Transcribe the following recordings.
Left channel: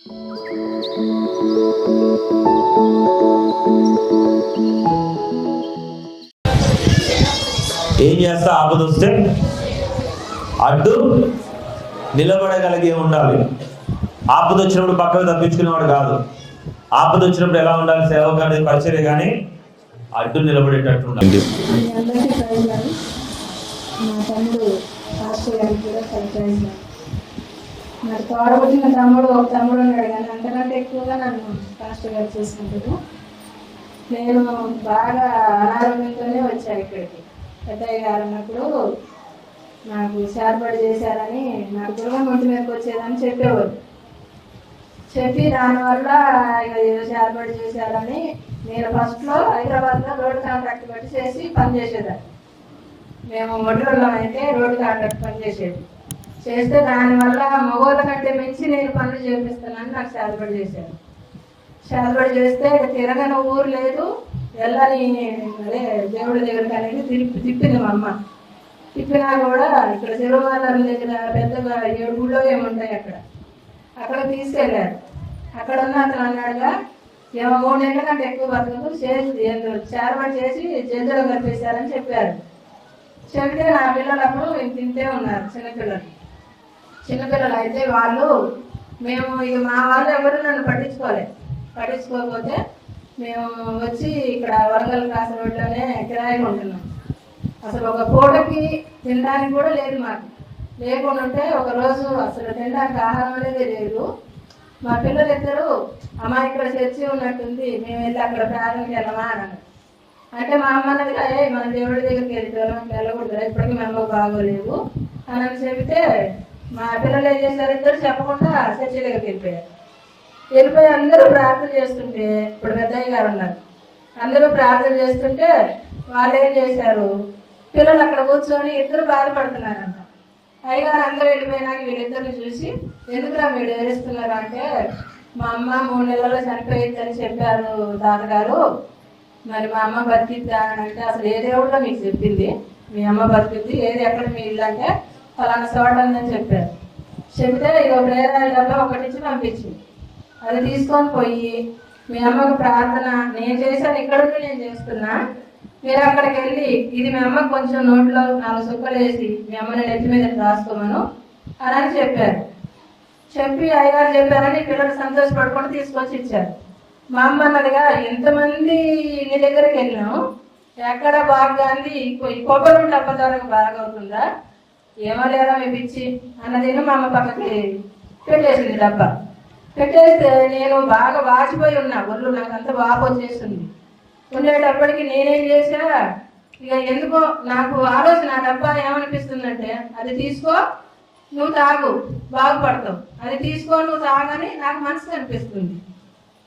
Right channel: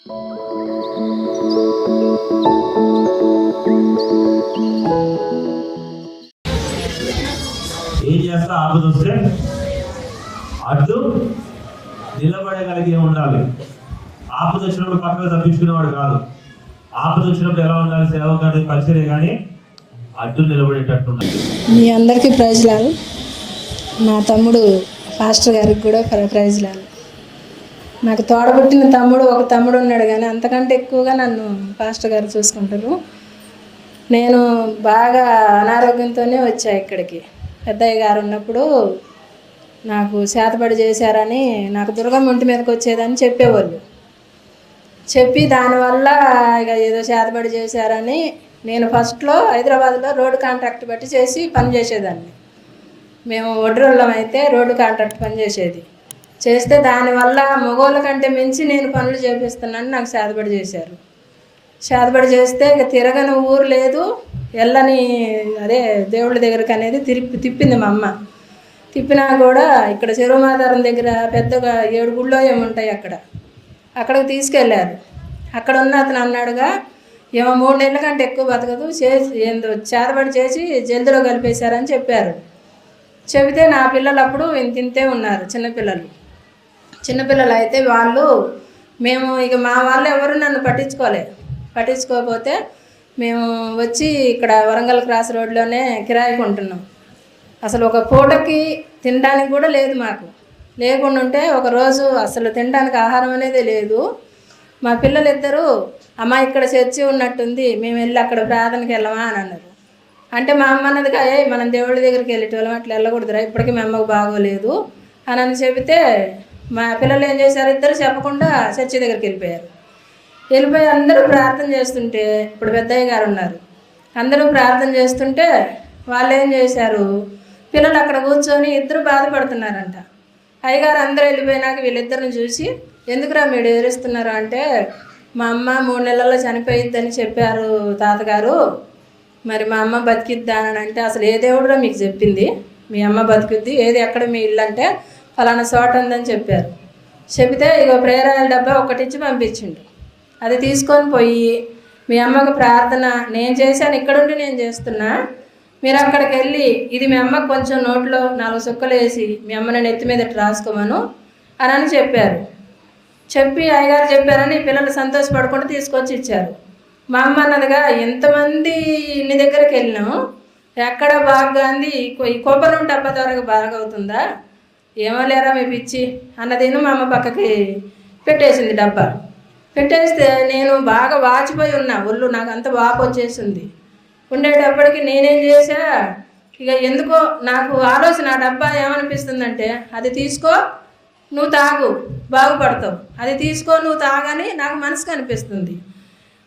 ఏం చేస్తా? ఆపద వస్తే అడ్డు నిలబడగలిగే ఉండాలి. ఆపద వచ్చినప్పుడు పక్కకు తప్పించుకునేవాడు కాదు. ఆపద వచ్చినప్పుడు ఎలా ఉండాలి? సేవకుడి పరిచర్య కానీ అడ్డు నిలబడేటట్టు ఉండాలి. మీ అందరికీ ప్రైజ్లాలు. మా తమ్ముడు పాస్టర్ గారికి కూడా ప్రైజ్లాలు. నాకు తోడబుట్టిన ఒక తమ్ముడు ఉన్నాడు, కానీ అంతకంటే ఎక్కువగా నన్ను పాస్టర్ గారు చూసుకుంటారు. నేను బాగా అనారోగ్యంతోనే వచ్చా ఇక్కడికి. పెద్దయ్య గారు ఉన్నప్పుడు నాకు చేతబడి చేశారని, నాకు దుర్గమ్మ ఇంటి మీదకి వచ్చేదని చెప్పేవాళ్ళు. చెప్పి దానివల్ల ఇక ఏదో చేతబడి చేశారని నేను ఫస్ట్లో హైదరాబాద్లో రోడ్డు కాంట్రాక్ట్ బట్టి చేసి పని చేసేదాన్ని. మేము వడ్రోళ్ళం అయితే రోడ్డు కాంట్రాక్ట్ పని చేస్తే దానివల్ల మగవాళ్ళ కంటే మించి నేను పనులు చేపిస్తున్నాను నాకు చేతబడి చేశారు. చేతబడి చేస్తే ఇక తిరగని ఊరు లేదు, వెళ్ళని అదే దేవుళ్ళ దగ్గరికి అనేది తిప్పింది మా అమ్మ. తిప్పినా కూడా ఇక్కడ చెరువుమాధారం దగ్గర పెద్దగా 7 గుళ్ళో ఏముంటాయి అక్కడికి తీసుకెళ్ళారు. అక్కడ ఉన్న అతను అన్నాడుగా, ఏమో 3 నెలల కంటే ఎక్కువ బతకదు, ఏందో చేతబడి చేసి జల్దిలో కలిపేశారని చెప్పారు. చెబితే నా పిల్లలు అప్పుడు ఇంతే ఉన్నారు, చిన్నపిల్లలు అయితే మేము ఇక మా వాళ్ళు ఎవరు నన్ను పట్టించుకోకపోతే మేము వచ్చి ఇక్కడ వరంగల్ క్రాస్ రోడ్లోనే కిరాయికి ఉంటున్నాం. అసలు ఒక పూటకి తినడానికి కూడా లేదు మాకు. లేకుండా ఉంటే ఒకరోజు అసలు తినడానికి ఆహారం అనేది లేదు. మా పిల్లలిద్దరూ అమ్మ ఇక్కడ చర్చి ఉన్నట్టుంది, మేము వెళ్ళి అక్కడ ప్రార్థనకి వెళ్ళమా అని అన్నారు. అంటే మా అమ్మ అన్నదిగా, మనం దేవుడి దగ్గరికి వెళ్ళేటోళ్ళం, అట్లా వెళ్ళకూడదురా, ఇప్పటికీ మా అమ్మకు బాగోలేదు అని చెబితే మా పిల్లలు ఏం చేశారు, ఇద్దరు చెప్పకుండా చర్చి దగ్గరికి వెళ్ళిపోయి అందరూ ప్రార్థన చేస్తుంటే, ఇప్పుడు పెద్దయ్య గారు ఉన్నారు, అందరూ ప్రార్థన చేస్తుంటే వాళ్ళు ఏం చేశారు, పిల్లలు అక్కడ కూర్చొని ఇద్దరు బాధపడుతున్నారంట. అయ్యగారు అందరూ వెళ్ళిపోయినాక వీళ్ళిద్దరిని చూసి, ఎందుకురా మీరు ఎదురిస్తున్నారు అంటే, మా అమ్మ 3 నెలల్లో చనిపోయిద్దని చెప్పారు తాతగారు, మరి మా అమ్మ బతికిద్దా అని అంటే, అసలు ఏ దేవుడురా మీకు చెప్పింది మీ అమ్మ బతికిద్ది, ఏది ఎక్కడ మీ ఇల్లు అంటే ఫలానా చోట ఉందని చెప్పారు. చెబితే ఇక ప్రేరాల డబ్బా ఒకటి ఇచ్చి పంపించిండు. అది తీసుకొని పోయి, మీ అమ్మకు ప్రార్థన నేను చేశాను, ఇక్కడుండి నేను చేస్తున్నా, మీరు అక్కడికి వెళ్ళి ఇది మీ అమ్మకు కొంచెం నోట్లో 4 సుక్కలు వేసి మీ అమ్మని నెత్తి మీద రాసుకోమను అని చెప్పారు. చెప్పి అయ్యగారు చెప్పారని పిల్లలు సంతోషపడకుండా తీసుకొచ్చి ఇచ్చారు. మా అమ్మ అన్నదిగా, ఎంతమంది ఇన్ని దగ్గరికి వెళ్ళినాం, ఎక్కడ బాగా అంది, ఈ కొబ్బరి ఉంటే అప్ప ద్వారా బాగా అవుతుందా, ఏమో లేరా మీ పిచ్చి అన్నదేను మా అమ్మ పక్కకి పెట్టేసింది డబ్బా. పెట్టేస్తే నేను బాగా వాచిపోయి ఉన్నా, ఒళ్ళు నాకు అంత వాపు వచ్చేసింది. ఉండేటప్పటికి నేనేం చేశా, ఇక ఎందుకో నాకు ఆలోచన, ఆ డబ్బా ఏమనిపిస్తుందంటే, అది తీసుకో నువ్వు తాగు బాగుపడతావు, అది తీసుకో నువ్వు తాగని నాకు మనసుకు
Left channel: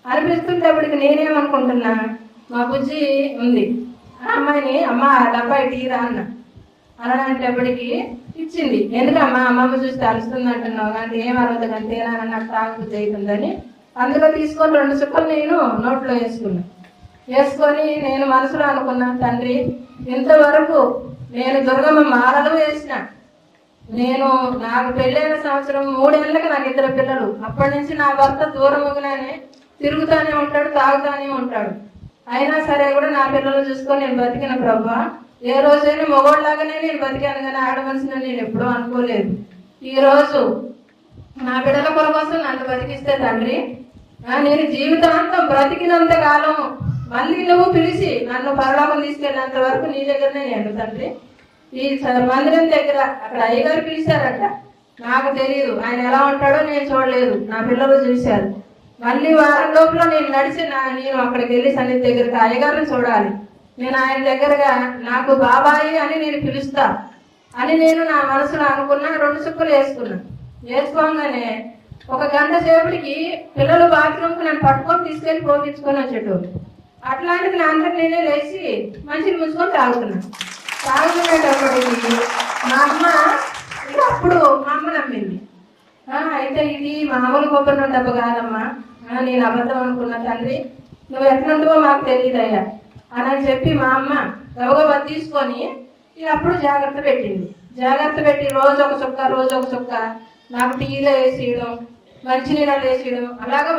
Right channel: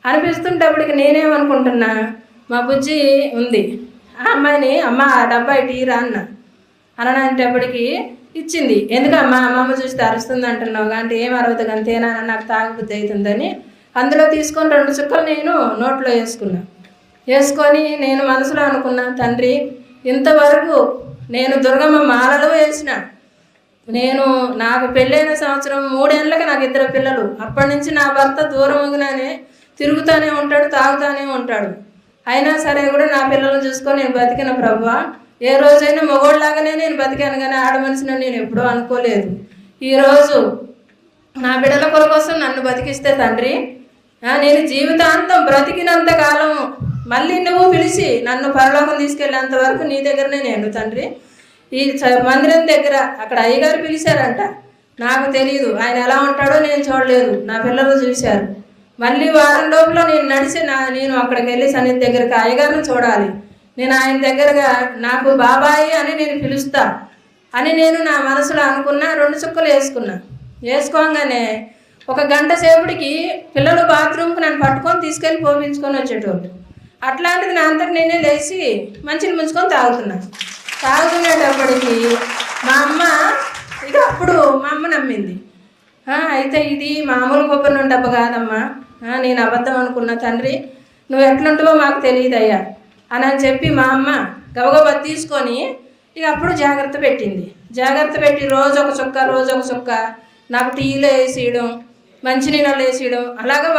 అనిపిస్తుంటప్పటికి నేనేమనుకుంటున్నా, మా బుజ్జి ఉంది, ఆ అమ్మాయిని అమ్మ ఆ డబ్బా ఇటీరా అననేటప్పటికి ఇచ్చింది. ఎందుకమ్మా అమ్మమ్మ చూసి అరుస్తుంది అంటున్నావు అంటే, ఏం అరవదు అంతేనా, నాకు తాగుబుద్ధి అవుతుందని అందులో తీసుకొని 2 చుక్కలు నేను నోట్లో వేసుకొని నేను మనసులో అనుకున్నాను, తండ్రి ఇంతవరకు నేను దుర్గమ్మ మాలలో వేసిన, నాకు పెళ్ళైన సంవత్సరం 3 ఏళ్ళకి నాకు 2 పిల్లలు, అప్పటి నుంచి నా భర్త దూరముగానే తిరుగుతూనే ఉంటాడు, తాగుతూనే ఉంటాడు, అయినా సరే కూడా నా పిల్లలు చూసుకొని నేను బతికిన ప్రభువా, ఏ రోజైనా మగోళ్ళలాగానే నేను బతికాను, కానీ ఆడ మనిషిని నేను ఎప్పుడూ అనుకోలేదు. ఈరోజు నా బిడ్డల కోసం నన్ను బతికిస్తే తండ్రి, నేను జీవితాంతం బ్రతికినంత కాలం మళ్ళీ నువ్వు పిలిచి నన్ను పరలోకం తీసుకెళ్ళేంత వరకు నీ దగ్గరనే నేను తండ్రి. ఈ మందిరం దగ్గర అక్కడ అయ్యగారు పిలిచారంట, నాకు తెలియదు, ఆయన ఎలా ఉంటాడో నేను చూడలేదు, నా పిల్లలు చూశారు. మళ్ళీ వారం లోపల నేను అక్కడికి వెళ్ళి సన్నిధి దగ్గరికి అయ్యగారిని చూడాలి, నేను ఆయన దగ్గరగా నాకు బాబాయి అని నేను పిలుస్తా అని నేను నా మనసులో అనుకున్నా. 2 చుక్కలు వేసుకోగానే 1 గంట సేపటికి పిల్లలు బాత్రూమ్కి నన్ను పట్టుకొని తీసుకెళ్ళి పోపించుకొని వచ్చేటోళ్ళు. అట్లాంటిది నా అంతటి నేనే లేచి మంచిని ముంచుకొని తాగుకునేటప్పటికి మా అమ్మ ఇక అప్పుడు మా అమ్మ నమ్మింది. అయితే ఇది మామూలు కొబ్బరి నుండి డబ్బు కాదమ్మా, నేను అబద్ధం అనుకున్నా తండ్రి, నువ్వు ఎట్లుంటావో మాకు తెలియదయ్యా అని చెప్పి మా అమ్మ గబగబా తీసుకొని ఇక అప్పుడు జాగ్రత్త పెట్టి రోజు ఒక చుక్క నాకు టీలో వేసేయడం, మంచినీళ్ళు వేసేయడం, అలాగే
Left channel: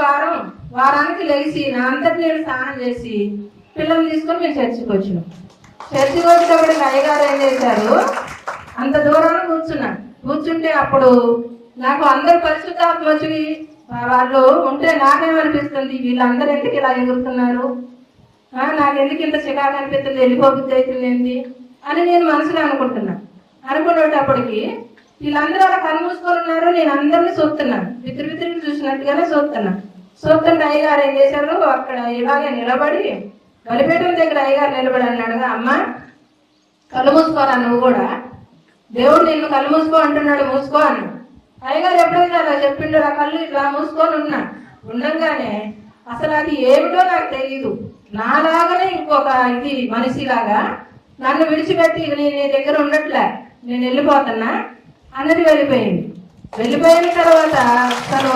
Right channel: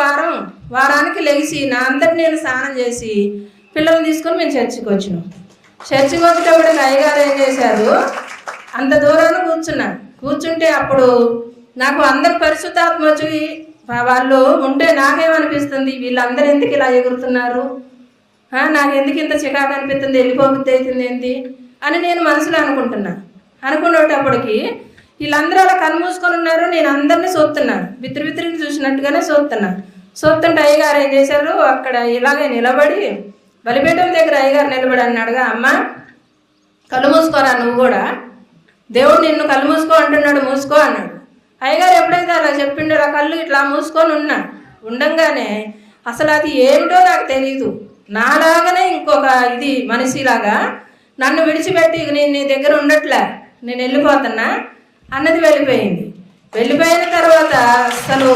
వారానికి లెగిసి నా అందరికి నేను స్నానం చేసి పిల్లల్ని తీసుకొని మేము చర్చికి వచ్చినాం. చర్చికి వచ్చేటప్పుడు అయ్యగారు ఏం చేశారు, అంత దూరాన్ని కూర్చుంటే అప్పుడు నాకు అందరు పరిశుద్ధాత్మ వచ్చి వాళ్ళు ఉంటే నాకేమనిపిస్తుంది, వీళ్ళందరూ ఎందుకు ఇలా ఎగురుతున్నారు, నాకు ఎందుకు ఇంత చికాకు అనిపిస్తుంది, వెళ్ళిపోబుద్ధి అవుతుంది ఏంటి అని నేను మనసులో అనుకునేటప్పటికి వీళ్ళందరూ అలా కళ్ళు మూసుకొని ఉన్నారు. నేను అందరినీ చూస్తున్నాను, బిత్తిరిని చూసినట్టుగానే చూస్తుంటే అయ్యగారు ఏం చేశారు, అక్కడ ఇలాగే నిలబడి బలిపీఠం దగ్గర అయ్యగారు నిలబడి అన్నాడుగా, అమ్మ కళ్ళు మూసుకోరా, నువ్వు కూడా దేవుడు నిన్ను కళ్ళు మూసుకో అంటున్నాడు, మూసుకో అన్నాడు. అయ్యగారు ఎప్పుడైతే అలా చెప్పిండో ఆ కళ్ళు ఇట్లా మూసుకొని ఉండంగానే అసలు అది ఏమిటో నాకు తెలీదు, నాలాగానే ఇంకొక ఇది మనిషిలాగా నన్ను విడిచిపెట్టి నేను నీ దగ్గర ఉండట్లే, నేను వెళ్ళిపోతున్నా అన్నది వెళ్ళిపోయిన తర్వాత అసలు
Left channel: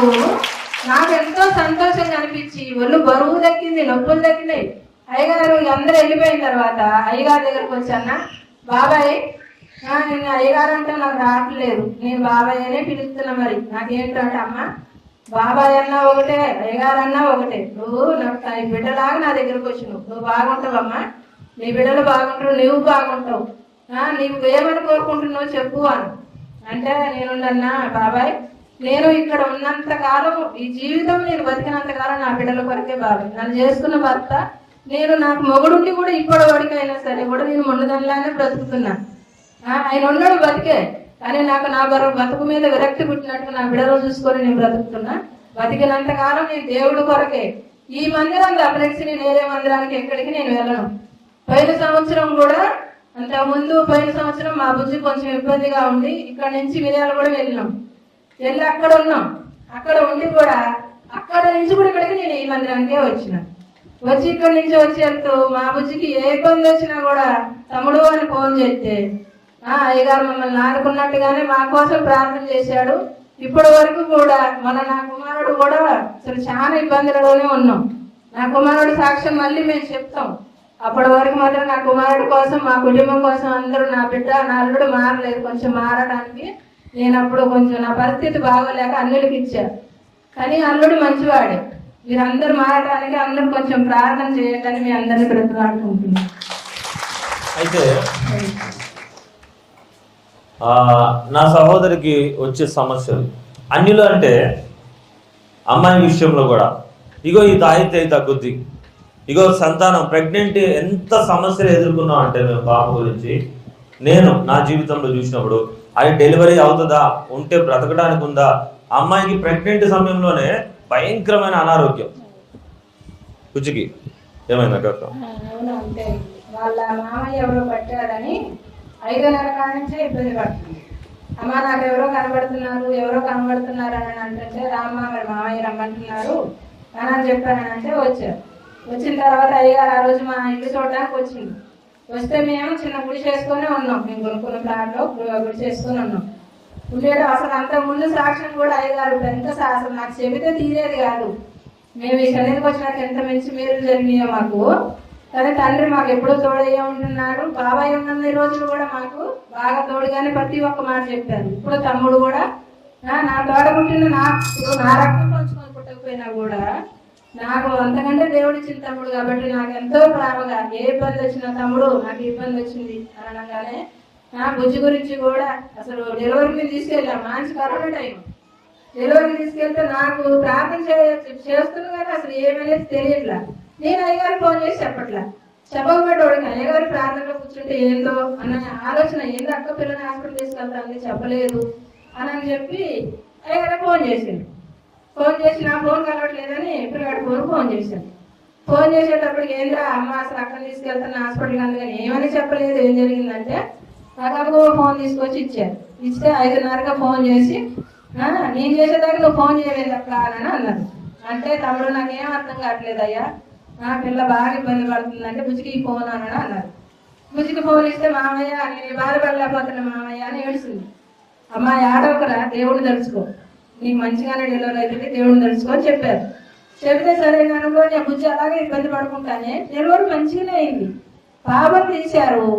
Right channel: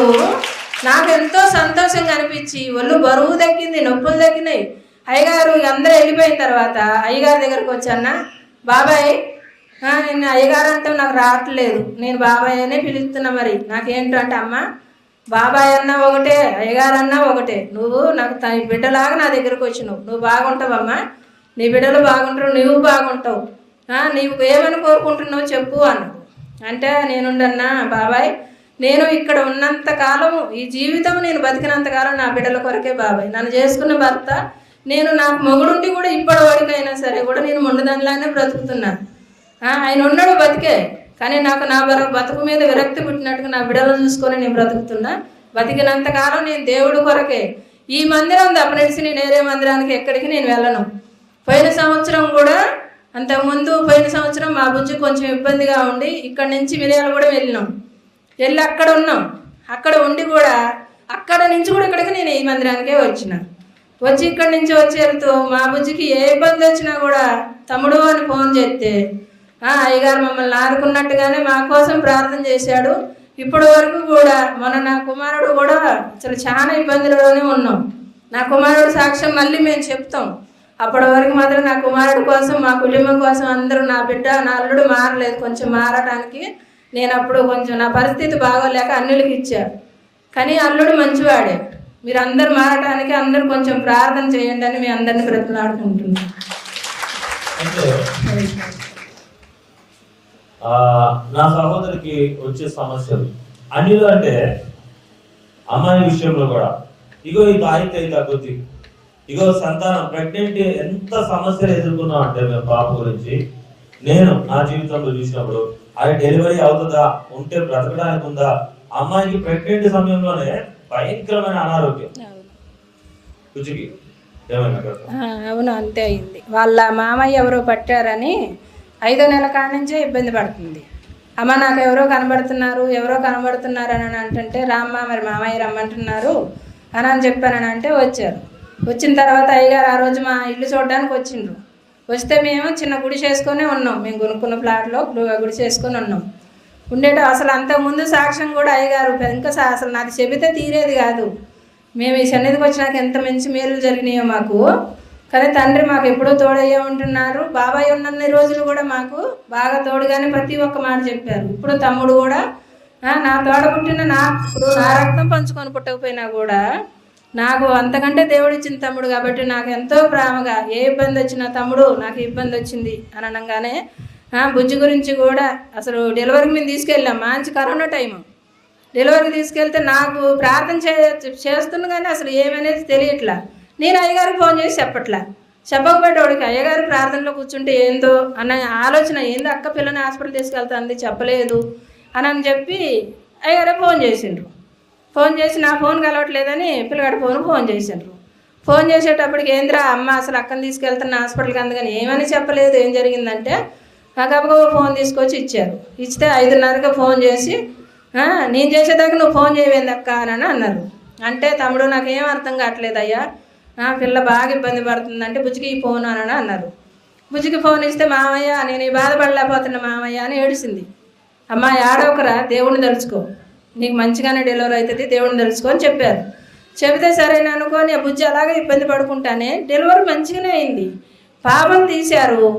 నాకు ఎంతో సంతోషంగా అనిపించి ఒళ్ళు బరువు తగ్గింది, నొప్పులు తగ్గినాయి. అయ్యగారు అందరూ వెళ్ళిపోయిన తర్వాత అయ్యగారి దగ్గరకు వచ్చానా, బాబాయ్ నేను అయ్యగారు అంటే నాకు రావట్లేదు, నేను బాబాయ్ అనే పిలుస్తున్నా, మరి నాకేంటంటే అమ్మ బాబాయ్ అన్నా ఒకటే అయ్యగారు అన్నా ఒకటే, నువ్వు నాకు బిడ్డలాగా నా దగ్గరకు వచ్చినావు, నువ్వు బాగుంటావమ్మా, నీ బిడ్డలు బాగుంటారు, నువ్వు బాగుంటావు, నీవు ఏమని కోరుకుంటున్నావు చెప్పు అంటే నేనుండన్నా బాబాయ్, నేను ఇక్కడ ఉన్నంత కాలం ఈ జీవితం నేను బతికినంతకాలం నా బిడ్డల కొరకే బాబాయ్, నన్ను చేసుకున్న భర్త నేను నాకు మొగుడుండి కూడా ఇప్పటి వరకైనా సరే కూడా నేను మొండదానిలానే బ్రతుకుతున్నా, ఆయన ఉన్నాడు బతికే, కానీ నాకు నా బతుకు మీద విరక్తి పుట్టినట్టుగా నా బిడ్డలను చూసుకొని నేను బ్రతుకుతున్నా, బతికినంతకాలం నేను దేవుడి కొరకే. ఈ మందిరం తప్పనిసి నేను వేరే మందిరానికి ఎక్కడికి నేను వెళ్ళను. పోయిన సంవత్సరం కూడా అంతకుముందు పోయిన సంవత్సరం మా బుజ్జి కొంచెం ఇబ్బందిగా ఉండి ఇక్కడి నుంచి మిరియాలు కూడా వెళ్ళి అక్కడ ఉన్నాం. అక్కడ ఉండి కూడా అక్కడ నుంచి కూడా ఇక్కడికి నేను ఈ మందిరానికే వచ్చి ఇక్కడి నుంచి వెళ్తూ మా బుజ్జికి ఏ ఇబ్బంది వచ్చినా కూడా తమ్ముడు అని ఫోన్ చేస్తే అయ్యగారు మమ్మల్ని ఆదుకున్నట్టుగానే మా కోసం ప్రార్థన చేశాడు. ఇప్పటి వరకు కూడా నా కుమారుడు కూడా అసలు చాలా ఇబ్బందుల్లోనే ఉన్నాం. నా కుమారుడు సాక్ష్యం మళ్ళీ మేము చెప్తాం. అప్పటి వరకు మాత్రం నా కుమారుడు కోసం, మా కుటుంబం కోసం అందరూ, నా బిడ్డ నా అల్లుడు మారలేదు, కొంచెం మారడానికి నేను అప్పుడు కొంచెం నా పరిస్థితి బాగోలేక అన్నిటికి ఇచ్చాను. కానీ అల్లుడు మంచివాడే, మీరు అందరు మారడానికి అందరూ కొంచెం ప్రార్థన చేయండి అని మీ అందరినీ బ్రతిలాడుకుంటున్నాను. అయితే నా సహోదరికి వచ్చే సమస్యలు అన్నిలో అంటే అమ్మాయి విషయంలో కూడా ఇగో ఈ తాగితే తగ్గుద్ది, ఇగో సంతానం ప్రెగ్నెంట్ ఎంత సమస్యలు ఎదుర్కొన్నాం అంటే మేము పాప గురించి నేను నా జీవితంలో చూసినప్పుడు అది డెలివరీ అవుతుందా, ఉంటే బ్రతకడానికి ఉందా, అమ్మాయికి ప్రెగ్నెంట్ సమయంలోనే భయంకరమైన అనారోగ్యం. కుచికి ఏమైంది? అవును, అంతే అయింది. వాళ్ళ మామయ్య ఎవరో పట్టారని 5వ నెల కాడ నుంచే ఇబ్బంది పడుతుంది. అమ్మ నాకు ఎవరో కనబడుతున్నారు అని అంటే రామ్మ మరి మామయ్య రమ్మంటున్నారు అని చెప్పానంటే వచ్చారు. వచ్చిన తర్వాత అయ్యగారు ఆ రోజు మా ఇల్లు చూడడానికి వచ్చిండ్రు. వస్తే మేము చిన్న గుడి చేసుకొని ఉన్నాం, మేము కొనుక్కున్న ఫ్లాట్లో గుడి చేసుకొని ఉన్నాం. అసలు అంతకుముందు సాక్ష్యం కూడా అయ్యగారు ఇంకా అసలు నాకు చెబితే తీరేది కాదు. మేము ఈ సన్నిధికి వచ్చినాక ఎంత మంచి మేలు జరిగినాయో మాకు. కానీ తండ్రి మాకు ఎప్పుడూ తోడయ్యే ఉంటున్నారు. బాబాయ్ ఉన్నన్ని రోజులు కూడా మాకు బాగా తోడుగానే ప్రతి ఒక్క మాట చెప్పారు. ఇప్పుడు తమ్ముడు కూడా నా తోడ పుట్టిన నా రక్తం పంచుకొని పుట్టకపోయినా కూడా నాకు అంతకంటే దేవుడిచ్చిన తమ్ముడు కాబట్టి నాకు ఎంతో ప్రేమగా ఏ ఇబ్బంది వచ్చినా తమ్ముడు నాకు ఇబ్బంది వచ్చింది అని అనగానే బుజ్జి గురించి కూడా అసలు డెలివరీకి మేము తీసుకెళ్ళాం. మంచి కరోనా టైం డెలివరీకి తీసుకెళ్తే నాకు ప్రార్థన చేస్తున్నా కానీ అసలు ఏమనేది తెలియట్లా. నేను అయ్యగారికి ఫోన్ చేసి చెప్పకపోయేటోడికి అయ్యగారి ప్రార్థనలో కూర్చుంటే ఏందో అన్న ఆలోచన, ఏందో అక్క పిల్లని హాస్పిటల్ తీసుకెళ్తాంది చెప్పలేదు అని చెప్పి అయ్యగారే ఫోన్ చేసిండ్రు. ఫోన్ చేసి నా ఫోన్ కలవట్లేదని పిల్లగాడి ఫోన్ చేసిండ్రు. ఫోన్ చేసేటప్పటికి ఏంద్రా అమ్మ అసలు అక్కని తీసుకెళ్తున్న హాస్పిటల్కి, అందుకని ఏమని చెప్పలేదు. ఏం జరిగిందంటే నాకు ఫోన్ తీసుకొచ్చి ఇచ్చారు. ఇస్తే 5:30కి ఫోన్ చేసి నేను చేసేదాకా నువ్వు ఫోన్ చేయవేంది అక్క అని అన్నారు. అంటే తమ్ముడు నాకేం అర్థం కావట్లేదు అయ్యా, పిల్ల బాగా ఇబ్బంది పడుతుందంటే బుజ్జికి ఈ ఫోన్ అని అన్నారు. బుజ్జికి ఫోన్ ఇస్తే మామయ్య నేను బాధపడలేకపోతున్నా మామయ్య అని ఏడిసింది. అమ్మ ఏడవకురా, దేవుడిని తలుచుకో, నీకు మంచిగానే డెలివరీ అవుతుంది, దేవుడిని తలుచుకో అని చెప్పారు. చెబితే సరేనా అనుకోని బుజ్జి అలాగే ఇబ్బంది పడుకుంటానే డెలివరీ మంచిగానే అయింది. పాపం తీశారు.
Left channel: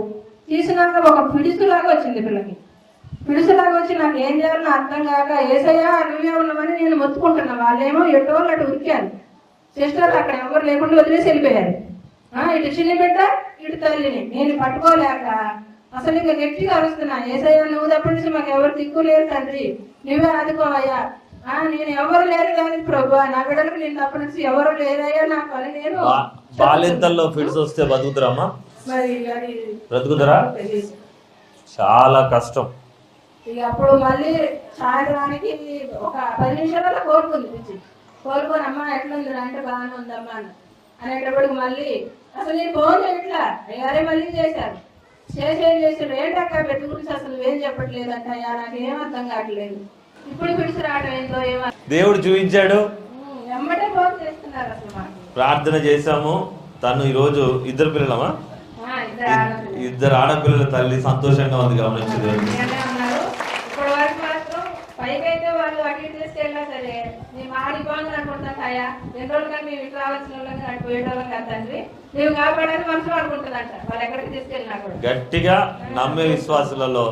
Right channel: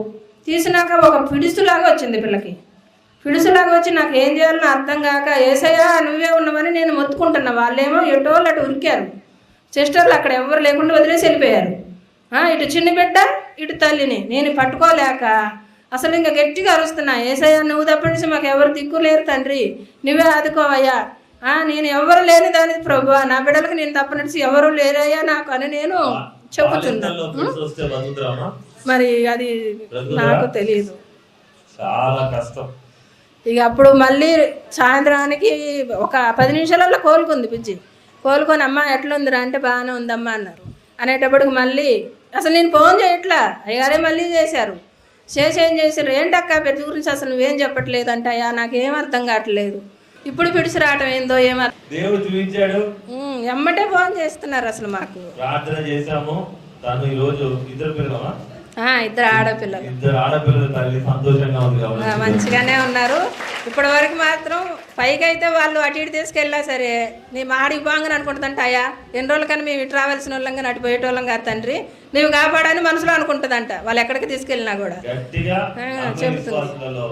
తీసినాక ఒక పిడుసులాగా వచ్చింది పిల్లకి. పిడుసులాగా వచ్చి నాకు ఏం చేయాలో అర్థం కాక ఏసయ్యా నువ్వే ఉన్నామని నేను మొత్తుకుంటున్నా. వాళ్ళేమో ఎటోళ్ళు అటు ఉరికారు. సిస్టర్లు అక్కడ ఎవరు లేకుండా వదిలేసి వెళ్ళిపోయారు. ఇటు చిన్న బిడ్డ ఇటు తల్లిని నేను పట్టుకోలేక అసలు ఇంకా గట్టిగా అరుస్తున్నా, ఏసయ్యా నువ్వు తప్పనిసి మాకు ఎవరు దిక్కు లేరు తండ్రి, నువ్వే ఆదుకోవయ్యా. నేను ఎవరు లేని దాని ప్రభు, నా బిడ్డలకు నేను తప్పనిసి ఎవరు లేరయ్యా నాకు అని నేను మరి అది నాకు తెలియదు. చాలా కష్టం. ఇక అప్పుడు మళ్ళీ సాయంత్రానికి ఒక 10 నిమిషాలలో కోలుకుంది పిచ్చి. కోలుకొని అమ్మ ఎట్లుందిరా అంటే బాగానే ఉందమ్మా అన్నారు. అనేటప్పటికి మళ్ళీ అసలు నేను ఫోన్ చేయట్లా, అయ్యారే మళ్ళీ చేశారు. ఏం చేశారు, ఏంటక్క పెద్ద గురించి అసలు నువ్వేం చెప్పట్లేదు అంటే, అయ్యా నాకేం అర్థం కావట్లేదు, ఇప్పుడు పిడిచి రావడం ఏందో దేవుడు చూపించాడు. ఎమ్మటే ఫోన్ చేస్తున్నారు. అసలు మాకు ప్రార్థన చేశాము. తను ఈ రోజు ఇద్దరు పిల్లలమా? ఇద్దరు ఆడపిల్లల తల్లి సంతోషంగా ఉంది, మంచిగానే ఉన్నారు. ఇప్పటి వరకు మాత్రం పైకి అయితే వాళ్ళు అటు ఇటు తీసుకెళ్ళా సరే నీ మాడికి బాగా అనుకుంటుందంట, అయ్యా ఎన్ని రోజులు కానీ మేము ఇటు రావాల్సిన వాళ్ళం కానీ అటు పోయేటోళ్ళం కాదు తండ్రి, నువ్వు కాపాడని మనసులో అనుకుంటుందంట. వాళ్ళు ఎక్కడికి తీసుకెళ్ళినా కూడా గట్టిగా నమ్మే విశ్వాసులలో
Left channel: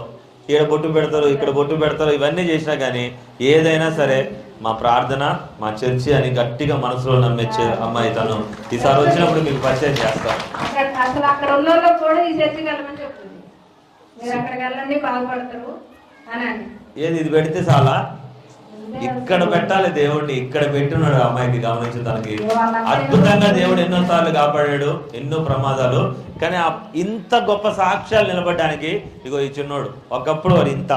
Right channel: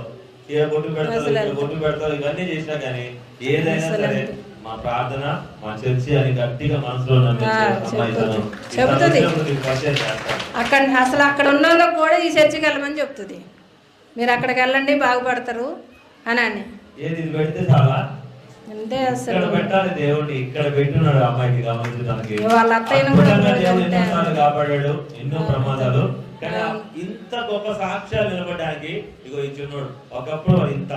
ఇక్కడ బొట్టు పెడతారు, ఇక్కడ బొట్టు పెడతారు, ఇవన్నీ చేసినా కానీ ఏదైనా సరే మా ప్రార్థన మా చర్చి అని గట్టిగా మనసులో నమ్మించే అమ్మాయి తను. ఈసారి వచ్చినప్పుడు మీకు పరిచయం చేస్తాం. అక్కడ అసలు అక్కడ ఉన్న వాళ్ళకి కూడా ఈ చర్చికి వెళ్ళమని చెప్తుంది, మీరు అక్కడికి వెళ్ళండి బాగుపడతారు అని. ఏది ఇది పెడితే చాలా ఇక్కడ పెట్టాలి దేవుడిని, ఇక్కడ పెట్టున్నాడు అమ్మాయికి. గమనించడానికి అద్భుతంగా దేవుడు ఎన్నోసార్లు కాపాడాడు, ఎన్నో ప్రమాదాలు. కానీ ఇంత గొప్ప సాక్ష్యాలు నిలబడడానికి ఇగో ఈ చిన్నోడు ఒకప్పుడు వాడు ఇంత.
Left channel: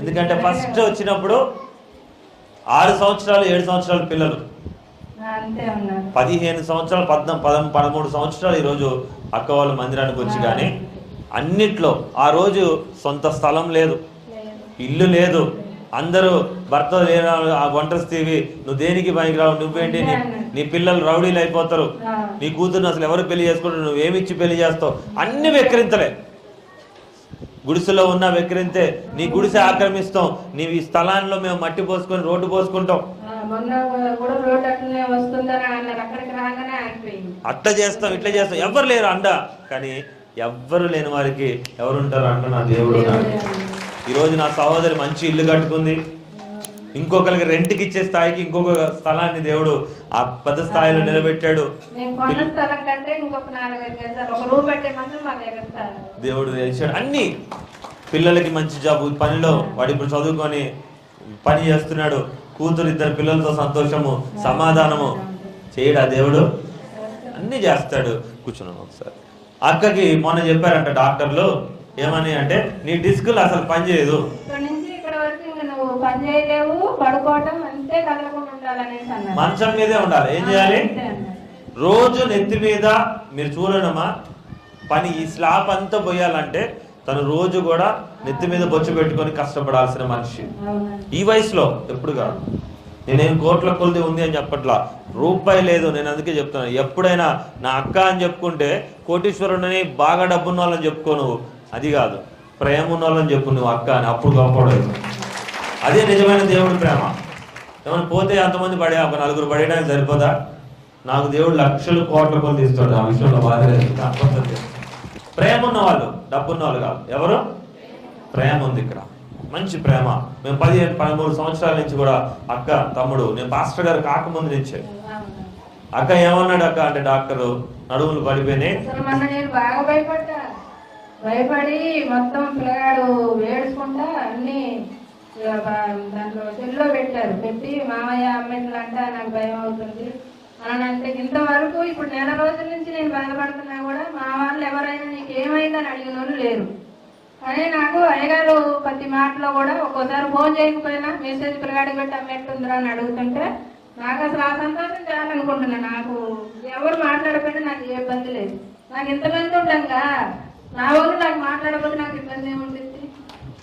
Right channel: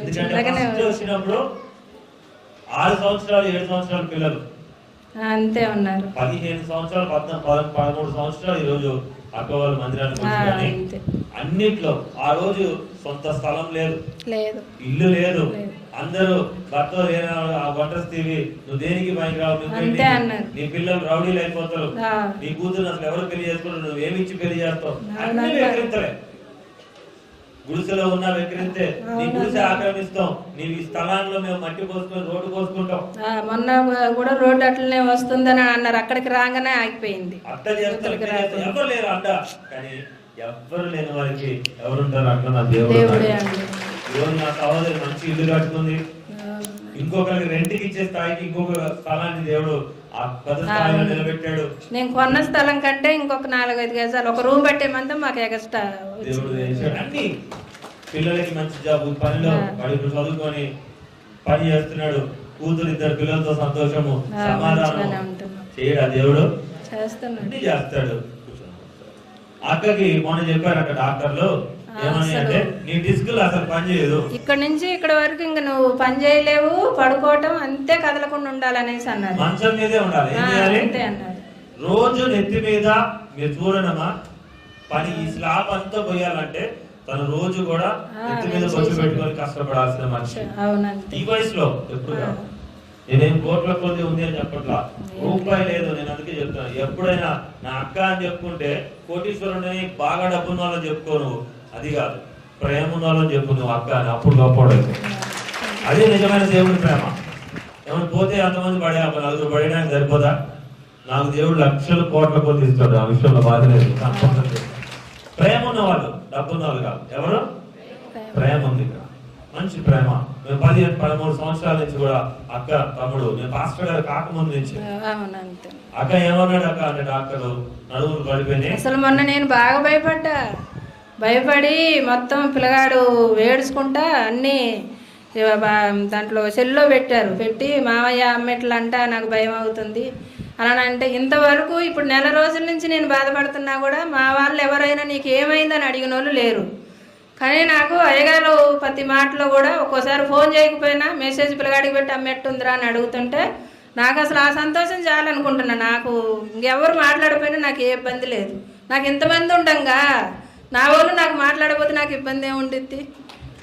ఎందుకంటే ఫస్ట్ వచ్చినప్పుడు 6 సంవత్సరాలు 7 సంవత్సరాల పిల్లలు అంతే ఉన్నారు, 15 సంవత్సరాలు 13 సంవత్సరాలు ఈ రోజు అక్క వాళ్ళ మందిరానికి వచ్చి. కానీ అన్నిట్లో ఆ రోజు సొంత స్థలం లేదు, ఇల్లు లేదు, అందరూ భర్త ఒంటరిస్తీవి, నువ్వు దేనికి పనికి రావు, నువ్వేంటి, నీ పిల్లలు రౌడీలు అయిపోతారు, నీ కూతురు అసలు ఎవరు పెళ్లి చేసుకుంటారు, నువ్వేమిచ్చి పెళ్లి చేస్తావు, అన్ని వెక్కిరింతలే. గుడిసెలో ఉన్న వెక్కిరింతే, నీ గుడిసె ఆక్రమిస్తాం, నీ స్థలాల్లో మేము మట్టి పోసుకొని రోడ్డు పోసుకుంటాం. మొన్న కూడా రోడ్డు అట్లనే వస్తుందని అన్నారు, అక్కడికి రాగానే ఆగిపోయింది. అట్లా చేస్తాం ఇట్లా చేస్తాం, ఎవరు లేరు అంట. కానీ ఎవ్వరు లేని వారికి ఎవరు ఉంటారు అంటున్నా దేవుడు. ఈ రోజు నా సహోదరి మంచి ఇల్లు కట్టుకుంది, ఇంకొకరికి రెంట్కి ఇచ్చే స్థాయికి ఇంకొక స్థలాన్ని దేవుడు ఆ పెద్ద స్థాయిలో నిలబెట్టాడు. నేను కొన్న స్థలం కంటే ఇంకొక 4-5 గజాలు ఒక రూమ్ పెట్టేమంటే మాకు ఎక్స్ట్రా దేవుడు వేసాడు. అన్ని పిల్లలకి మంచి జాబ్, పనిలో వాడు ఇప్పుడు చదువుకొని పని చేస్తున్నాడు, కూతురు 2 పిల్లలతో సంతోషము సమాధానము చేయడా దేవుడు, అన్ని చేస్తాడు. కూర్చున్నాను ఒకసారి. అక్కకి మొన్న చెప్పారంట డాక్టర్లు, ఏమని అంటే నీ డిస్కులు అసలు పని చేయదు, ఇక్కడ నుంచి ఇక్కడ వరకు ఇంకా నువ్వు పని చేయలేవు, పడుకోవటం అంతే, కదలకుండా ఉండాలనేసి అన్నారు. మంచం మీదే ఉండాలి. ఏం చేయాలి, రోజు నెత్తి మీద మీరు చూడడమా పని, ఈ స్లాబ్ అంతా పోయాలంటే తను రోజు కూడా నెత్తి మీద బొచ్చు పెట్టుకొని కష్టపడాల్సిన మనిషి. ఈ వయసులో ఎప్పుడు కాదు. నేనేం కోట్ల కొద్ది ఉంది అని చెప్పట్లా, రూపాయి లేదు. నేను అందుకే చెప్తాను, ఎప్పుడైనా నా అక్క అని చెప్పుకుంటే కోటీశ్వరుడిని బాగా డబ్బున్న వాళ్ళని చెప్పుకో, నువ్వు అది కాదు, ప్రేమ ఉన్న వాళ్ళని చెప్పు నువ్వు అక్క అని, అప్పుడు గొప్పవాడు. అదే నిజమైన దేవుడి ప్రేమ. ఏమైనా పోతే అంతమంది పడే ఒక 4 పడేయడానికి సరిపోదా? నాకు దేవుడు లక్షలు కోట్ల కొద్ది ఇస్తాడు, ఆ విషయంలో బాధ లేదు. ప్రేమ ఉన్నవాళ్ళు, డబ్బున్న వాళ్ళు కాదు. ఎవరు ప్రేమ ఉంది ఇక్కడ, మంచి ప్రేమ. మేము 15-13 సంవత్సరాల నుంచి కూడా అక్క తమ్ముడు, నేను పాస్టర్ గారు కాకముందు నుంచే. అక్క ఏమన్నాడు అక్క అంటే, డాక్టర్ నడువులు పడిపోయినాయి. అసలు మొన్న నేను బాగా భయపడి మొత్తం పిల్లగాడు ఏడుచుకుంటా అన్నీ దాంట్లో సెల్లో పెట్టి మామయ్య అమ్మెట్లంట నాకు భయం అవుతుంది అలా అంటే, ఇంతవరకు ఇప్పుడు నెల రోజుల నుంచి నేను బాధపడుతున్నా కూడా మా వాళ్ళు ఎవరైనా నీకు ఏమైందని అడిగిన వాళ్ళు లేరు. కానీ నాకు అయ్యగారు ప్రతి మాటలో కూడా ఒక్కోసారి ఫోన్ చేయకపోయినా మెసేజ్ పిల్లగాడికి పెట్టి అమ్మెట్టుందిరా అని అడుగుతుంటే నాకు అసలు ఆ సంతోషం చాలనుకుంటున్నా. నాకు ఇంకెవరు మాట్లాడకపోయినా నాకు ఏ ఇబ్బంది లేదు. నాకు ఇంతమంది ఉండంగా నా వాళ్ళు నాకు మాట్లాడకపోతే నాకు ఇబ్బంది ఏముంటుంది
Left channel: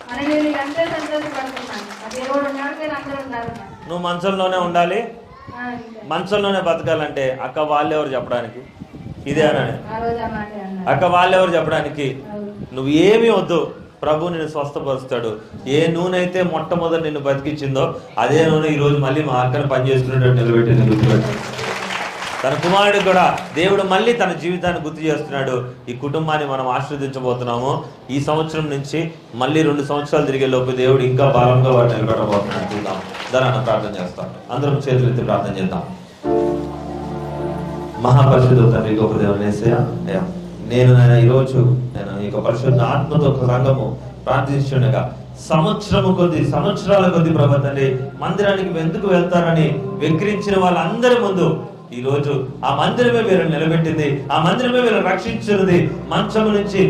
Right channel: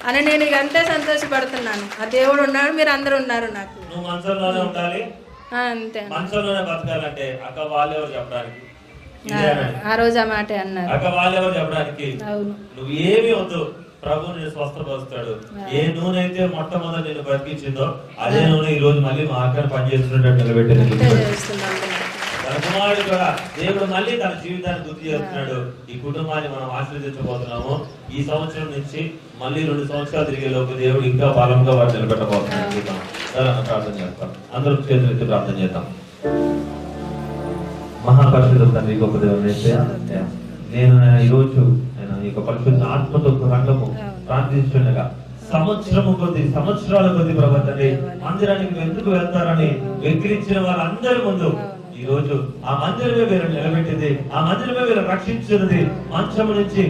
అని నేను ఇక అంతే సంతోషపడుతున్నాను. ఆ దేవుడు ఉన్నాడు, మీరు అందరూ ఉన్నారు. నాకు నువ్వు మనసులోనే ఉండాలి, అంతే, మనసులోనే బతకాలంటే అక్క వాళ్ళెవరు చెప్పడానికి, ఇదే ఆ రోజు ఆ మాట అన్నారు. అక్క వాళ్ళెవరు చెప్పడానికి, నువ్వు ఏమి వద్దు, ప్రభు నిన్ను స్వస్థపరుస్తాడు. ఏ నూనె అయితే మొట్టమొదటి నిన్ను బతికించిందో అదే నూనె ఈ రోజు మళ్ళీ మా అక్కను పనిచేస్తున్నట్టు నిలబెట్టి తన కుమారుడు కూడా దేవుడు మళ్ళీ తన జీవితాన్ని గుర్తు చేస్తున్నాడు. ఈ కుటుంబాన్ని మనం ఆశీర్వదించబోతున్నాము. ఈ సంవత్సరం నుంచి మళ్ళీ 2 సంవత్సరాలు తిరిగే లోపు దేవుడు ఇంకా బలంగా వాడు నిలబెట్టబోతున్నాడు. చూద్దాం. దాన్ని ప్రార్థన చేస్తాం. అందరం చేతులు ఎత్తి ప్రార్థన చేద్దాం. మహాపరిశుద్ధ తండ్రి గొప్ప దేవుని నేను ఈరోజు నేను ఈ పరిశుద్ధ ఆత్మతో సంఘము ప్రార్థిస్తుండగా సంవత్సరాల కొద్ది ప్రభు తండ్రి మందిరానికి ఎందుకు వెళ్తారని వెక్కిరించిన వాళ్ళందరి ముందు ఈ రోజు ఆ మందిరమే మీరు నిలబెట్టింది, ఆ మందిరమే మీరు రక్షించినది. మంచము నుంచి,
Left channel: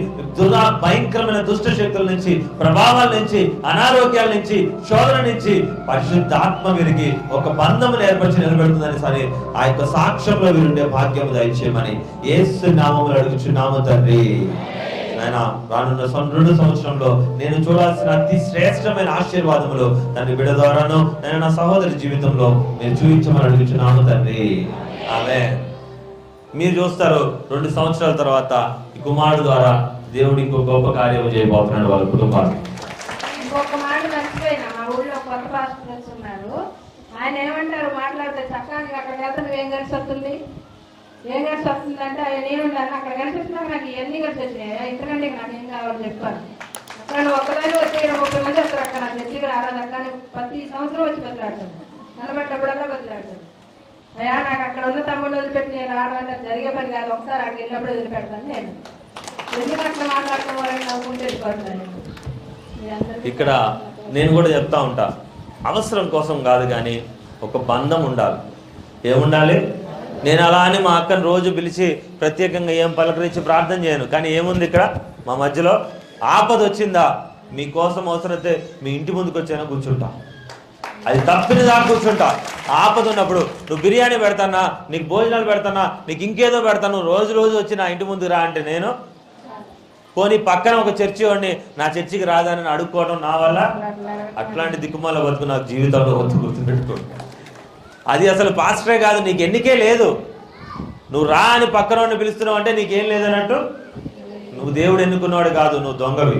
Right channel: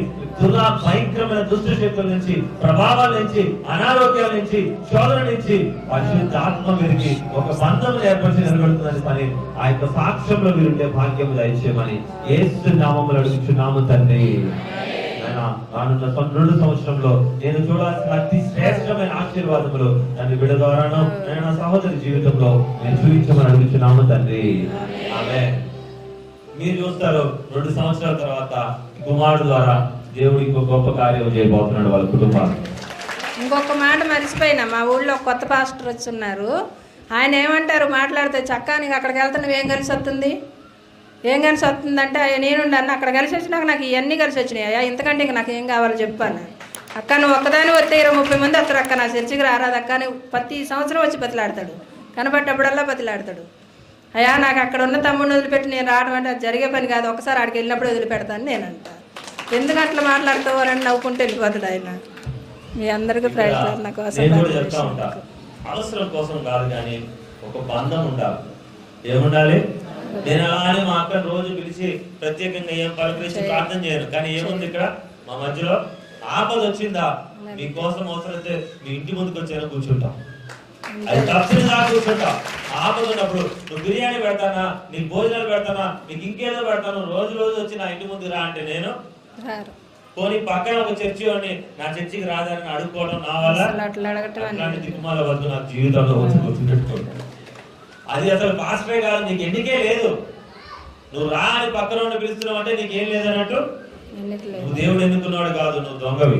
భయంకరమైన దుష్ట శక్తుల నుంచి, ప్రభావాల నుంచి, అనారోగ్యాల నుంచి, శోధన నుంచి పరిశుద్ధ ఆత్మ వీరికి ఒక బంధమును ఏర్పరిచి నిలబెడుతుందని సరే ఆ యొక్క సాక్ష్యంలో వీరుండే భాగ్యము దయచేయమని యేసు నామములో అడుగుచున్నాము తండ్రి. ఆయన రానున్న 2 సంవత్సరంలో నేను చూడాల్సిన అతి శ్రేష్టమైన ఆశీర్వాదములు తండ్రి బిడ్డ ద్వారాను నేను నా సహోదరి జీవితంలో నేను చూపించమని అడుగుచున్నాము తండ్రి. ఆమేన్. మీరు చూస్తారు 2 సంవత్సరాల తర్వాత ఈ కుమారుడు ద్వారా దేవుడు ఇంకో గొప్ప కార్యం చేయబోతున్నాడు వాళ్ళ కుటుంబాలు. ఇంకొక మాట మర్చిపోయినా, మా ఊళ్ళో కొత్త పాస్టర్ వచ్చి ఉన్నారు. ఆయన ఏమంటారు మాట్లాడితే, చక్కా నీకు అక్కడికి వెళ్తే నువ్వేం కలిసి వస్తుంది, ఏం కలిసి వస్తుందంటే నేనుండను అక్కడ కలిసి వచ్చినాక నాకు ఇవన్నీ కలిసి వచ్చినాయా, ఇంతకంటే ఇంక నాకు ఏం కావాలో చెప్పాను. అక్క నువ్వు ఒక్కదాని వస్తే 20-30 మంది వస్తారు అక్క నా చర్చికి రారాదు అక్క అని ప్రతి సంవత్సరం వచ్చి బతిలాడతాడు. కనబడ్డప్పుడల్లా బతిలాడతాడు. అయ్యా నాకు అక్కడ ఉన్న తమ్ముడిని వదిలిపెట్టి నేను రావడం అంటే అది జరిగే పని కాదు, ఒకసారి అక్కడికి వెళ్ళినప్పుడు వదిలిపెడతాను నేను అంట. ఎందుకు అట్లా మాట్లాడుతావు అని నవ్వుకుంటే వెళ్ళిపోతాడు ఆయన. మీ అందరికీ నేను కూడా చెప్తా ఉంటా, అవసరం కోసం కాదు కానీ ఒక బంధం ఉండాలి. ఏముండాలి? నేను అలా అని మా అక్కను రోజు పిలిచి ప్రత్యేకంగా ఏం పలకరించి ప్రార్థన చేయను. కానీ ఏముంది ఇక్కడ మా మధ్యలో? ఆపద వచ్చిందా మీకోసం అవసరమైతే మీ ఇంటి ముందుకు వచ్చానా కూర్చుంటా, అది తప్పిన దాకా కూర్చుంటా. ఆపద ఉన్నప్పుడు నువ్వు బిర్యానీ పెడతానా, నీకు భోజనాలు పెడతానా, నీకు ఇంకేదో పెడతాను, రోజు వచ్చి నా ఇంటి ముందుకు రా అంటే నేను పోనీ పక్కన ఒక చర్చి వాడిని నా చర్చికి రాదని అడుక్కోవడం నా వల్ల? అట్లాంటి దిక్కుమాల బతుకు నాకు జీవితంలో వచ్చి గుర్తుపెట్టుకోండి. అది అసలు పాస్టరే కాదు, నీకు ఎన్నికే లేదు. నువ్వు రా అని పక్కన వాడిని పిలుస్తున్నావు అంటే నీకేం లేదన్నట్టు. నువ్వు దేవుడు ఎన్నుకున్నాడు కాదు, నువ్వు దొంగవి.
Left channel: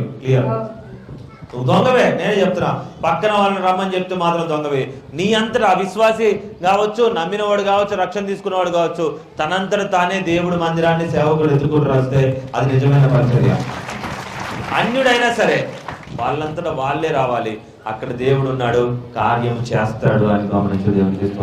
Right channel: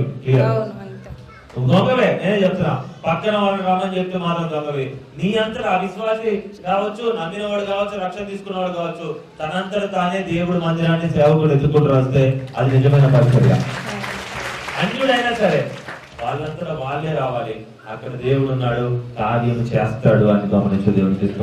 నువ్వు దొంగవే, నేనే చెప్తున్నా. పక్కన వాళ్ళని రమ్మని చెప్తే మాత్రం దొంగవే. నీ అంతటా అవిశ్వాసి కావచ్చు, నమ్మినవాడు కావచ్చు, రక్షణ తీసుకున్నవాడు కావచ్చు, తనంతట తానే దేవుడు మందిరాన్ని సేవకుడు ఎత్తుకుంటూ వస్తే అది నిజమైన పరిచర్య. అన్యుడైనా సరే వాళ్ళంతటా వాళ్ళే రావాలి. అక్కడ దేవుడు ఉన్నాడు, కార్యం చేస్తాడు అని గమనించి దేవుడు చేస్తూ